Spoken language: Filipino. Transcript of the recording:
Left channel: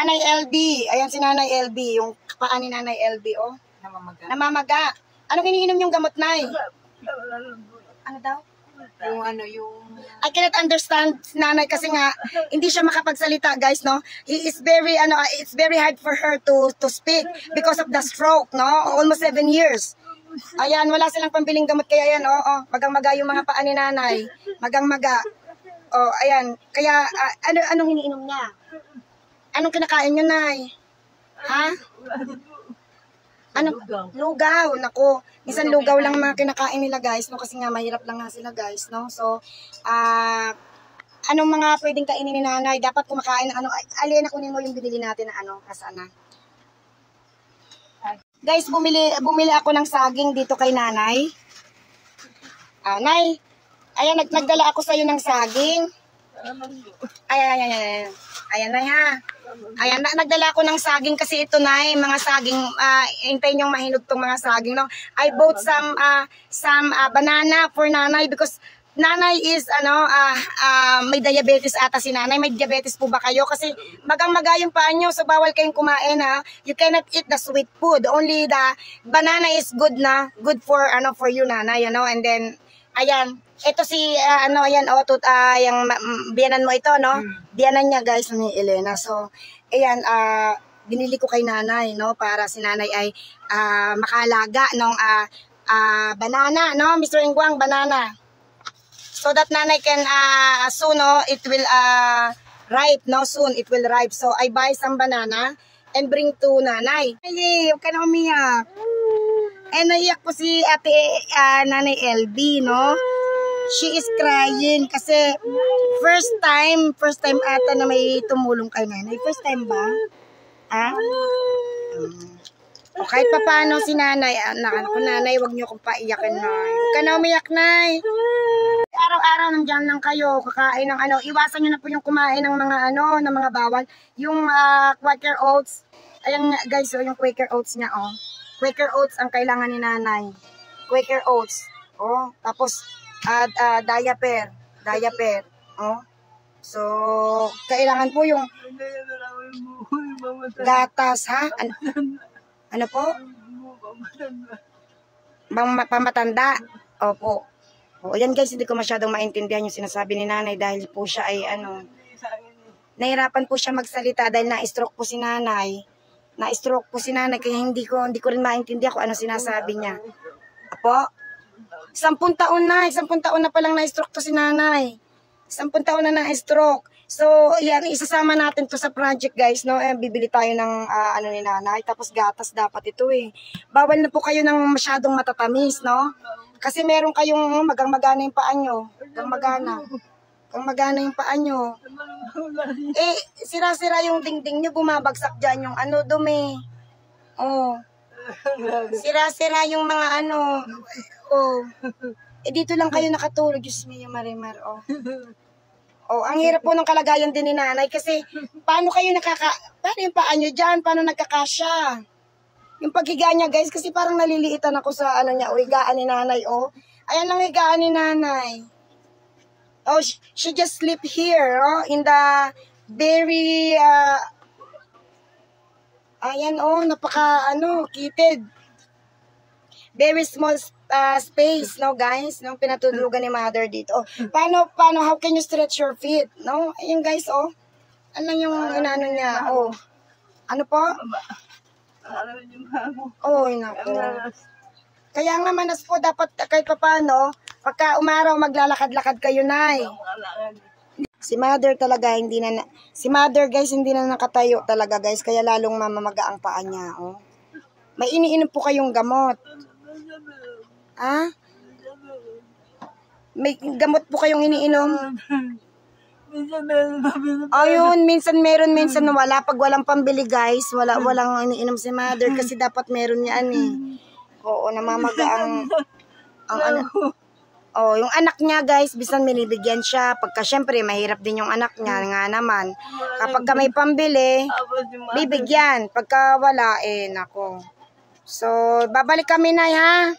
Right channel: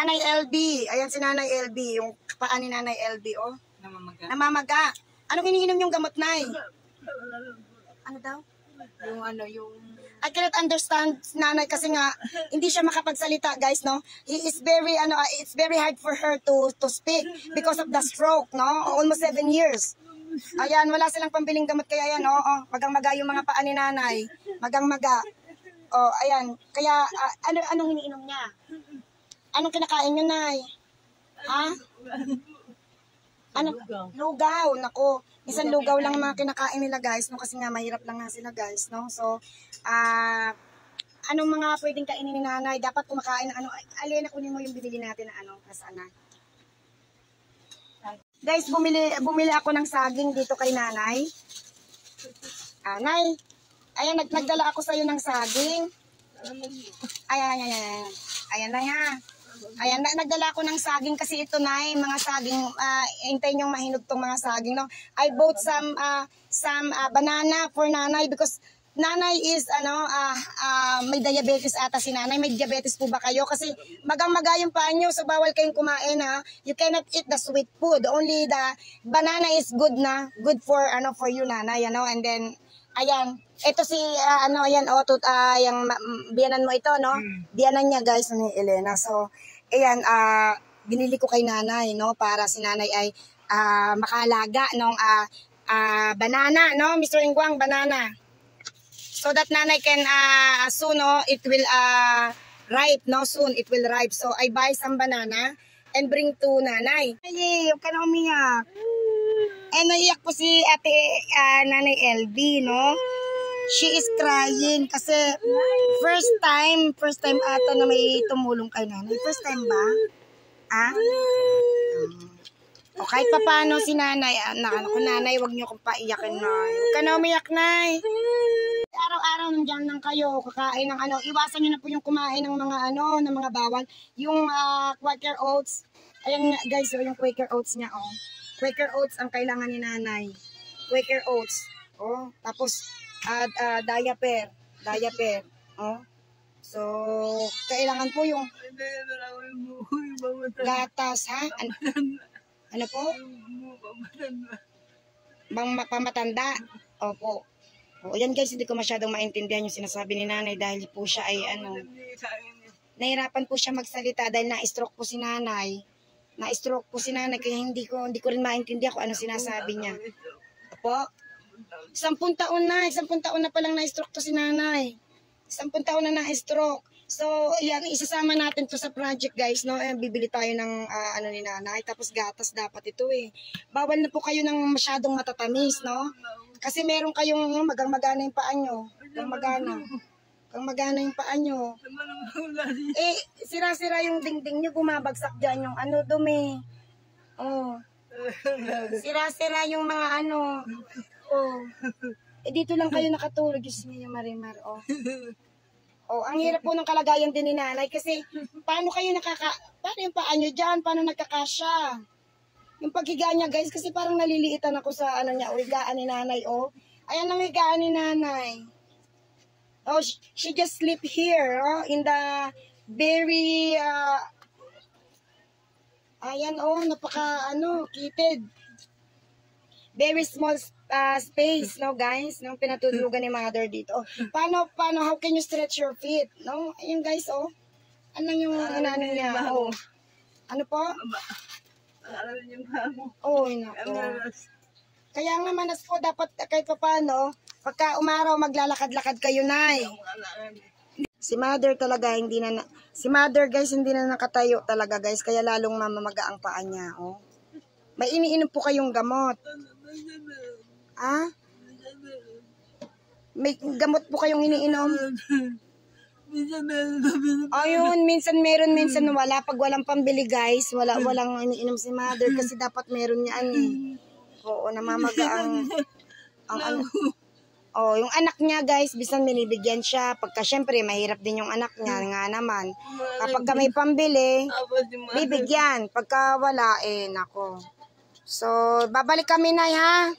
Nanay LB. Ayan si Nanay LB. Yung paa ni Nanay LB, oh. Namamaga. Namamaga. Ano iniinom yung gamot, Nay? Ano daw? Yung... I cannot understand si Nanay kasi nga hindi siya makapagsalita, guys, no? He is very, it's very hard for her to speak because of the stroke, no? Almost 7 years. Ayan, wala silang pambiling gamot kaya yan, oh. Magang-maga yung mga paa ni Nanay. Magang-maga. Oh, ayan. Kaya, anong iniinom niya? Anong kinakain niyo, Nay? Ha? Ano? Lugaw. Nako. Minsan lugaw lang mga kinakain nila, guys, no? Kasi nga mahirap lang nga sila, guys, no? So, anong mga pwedeng kainin ni Nanay? Dapat kumakain ng alien, kunin mo yung binili natin na kasana. Guys, bumili ako ng saging dito kay Nanay. Nay, ayan, nagdala ako sa iyo ng saging. Ayan. Ayan, Nay, ha. Ayan, nagdala ako ng saging kasi ito, Nay, mga saging, hintayin yung mahinog tong mga saging, no? I bought some banana for Nanay because Nanay is, may diabetes ata si Nanay. May diabetes po ba kayo? Kasi magang-maga yung paa nyo, so bawal kayong kumain, ha? You cannot eat the sweet food. Only the banana is good na. Good for you, Nanay, and then, ayan. Ito si, yung biyanan mo ito, no? Biyanan niya, guys, ni Elena. So, ayan, binili ko kay Nanay, no? Para si Nanay ay makalaga ng banana, no? Mr. Ingwang, banana. So that Nanay can, soon, no? It will ripe, no? Soon, it will ripe. So, I buy some banana and bring to Nanay. Ay, huwag ka na umiyak. Naiyak po si ate Nanay LB, no? She is crying kasi first time ata na may tumulong kay Nanay. First time ba? O kahit pa paano si Nanay, anak ko, Nanay, wag niyo akong paiyakin, Nay. Huwag ka na umiyak, Nay. Araw-araw nandiyan lang kayo, kakain ng iwasan niyo na po yung kumain ng mga ng mga bawal. Yung Quaker Oats, ayan nga guys, yung Quaker Oats niya, Quaker Oats ang kailangan ni Nanay. Quaker Oats. Tapos diaper. So, kailangan po yung gatas, ha? Ano po? Pamatanda. Opo. Yan guys, hindi ko masyadong maintindihan yung sinasabi ni Nanay dahil po siya ay nahirapan po siya magsalita dahil na-stroke po si Nanay. Na-stroke po si Nanay kaya hindi ko rin maintindihan kung ano sinasabi niya. Apo? 10 taon na palang na-stroke to si Nanay. 10 taon na na-stroke. So, yan, isasama natin to sa project, guys, no? Bibili tayo ng, ni Nanay. Tapos gatas dapat ito, Bawal na po kayo ng masyadong matatamis, no? Kasi meron kayong magang-magana yung paa nyo. Magana yung paa nyo. Sira-sira yung dingding nyo, bumabagsak dyan yung dumi. Sira-sira yung mga dito lang kayo nakatulog. Diyos mo yung Marimar, ang hirap po ng kalagayan din ni Nanay kasi paano yung paa nyo dyan? Paano nagkakasya? Yung paghiga niya, guys, kasi parang naliliitan ako sa higaan ni Nanay, Ayan lang higaan ni Nanay. She just sleep here, in the very, ayan, kitted. Very small space, no, guys, no, pinatutulugan ni Mother dito. Paano, how can you stretch your feet, no? Ayun, guys, ano yung niya, Ano po? Nako. Kaya nga manas po, dapat kahit pa paano, pagka umaraw, maglalakad-lakad kayo, Nay. Si Mother talaga, si Mother, guys, hindi na nakatayo talaga, guys, kaya lalong mamamaga ang paa niya, May iniinom po kayong gamot. May gamot po kayong iniinom? Ayun, minsan meron, minsan wala. Pag walang pambili, guys, walang iniinom si Mother kasi dapat meron yan, namamaga yung anak niya, guys, bisan binibigyan siya. Pagka syempre, mahirap din yung anak niya nga naman. Kapag may pambili, bibigyan. Pagka wala, nako. So, babalik kami, Nay, ha?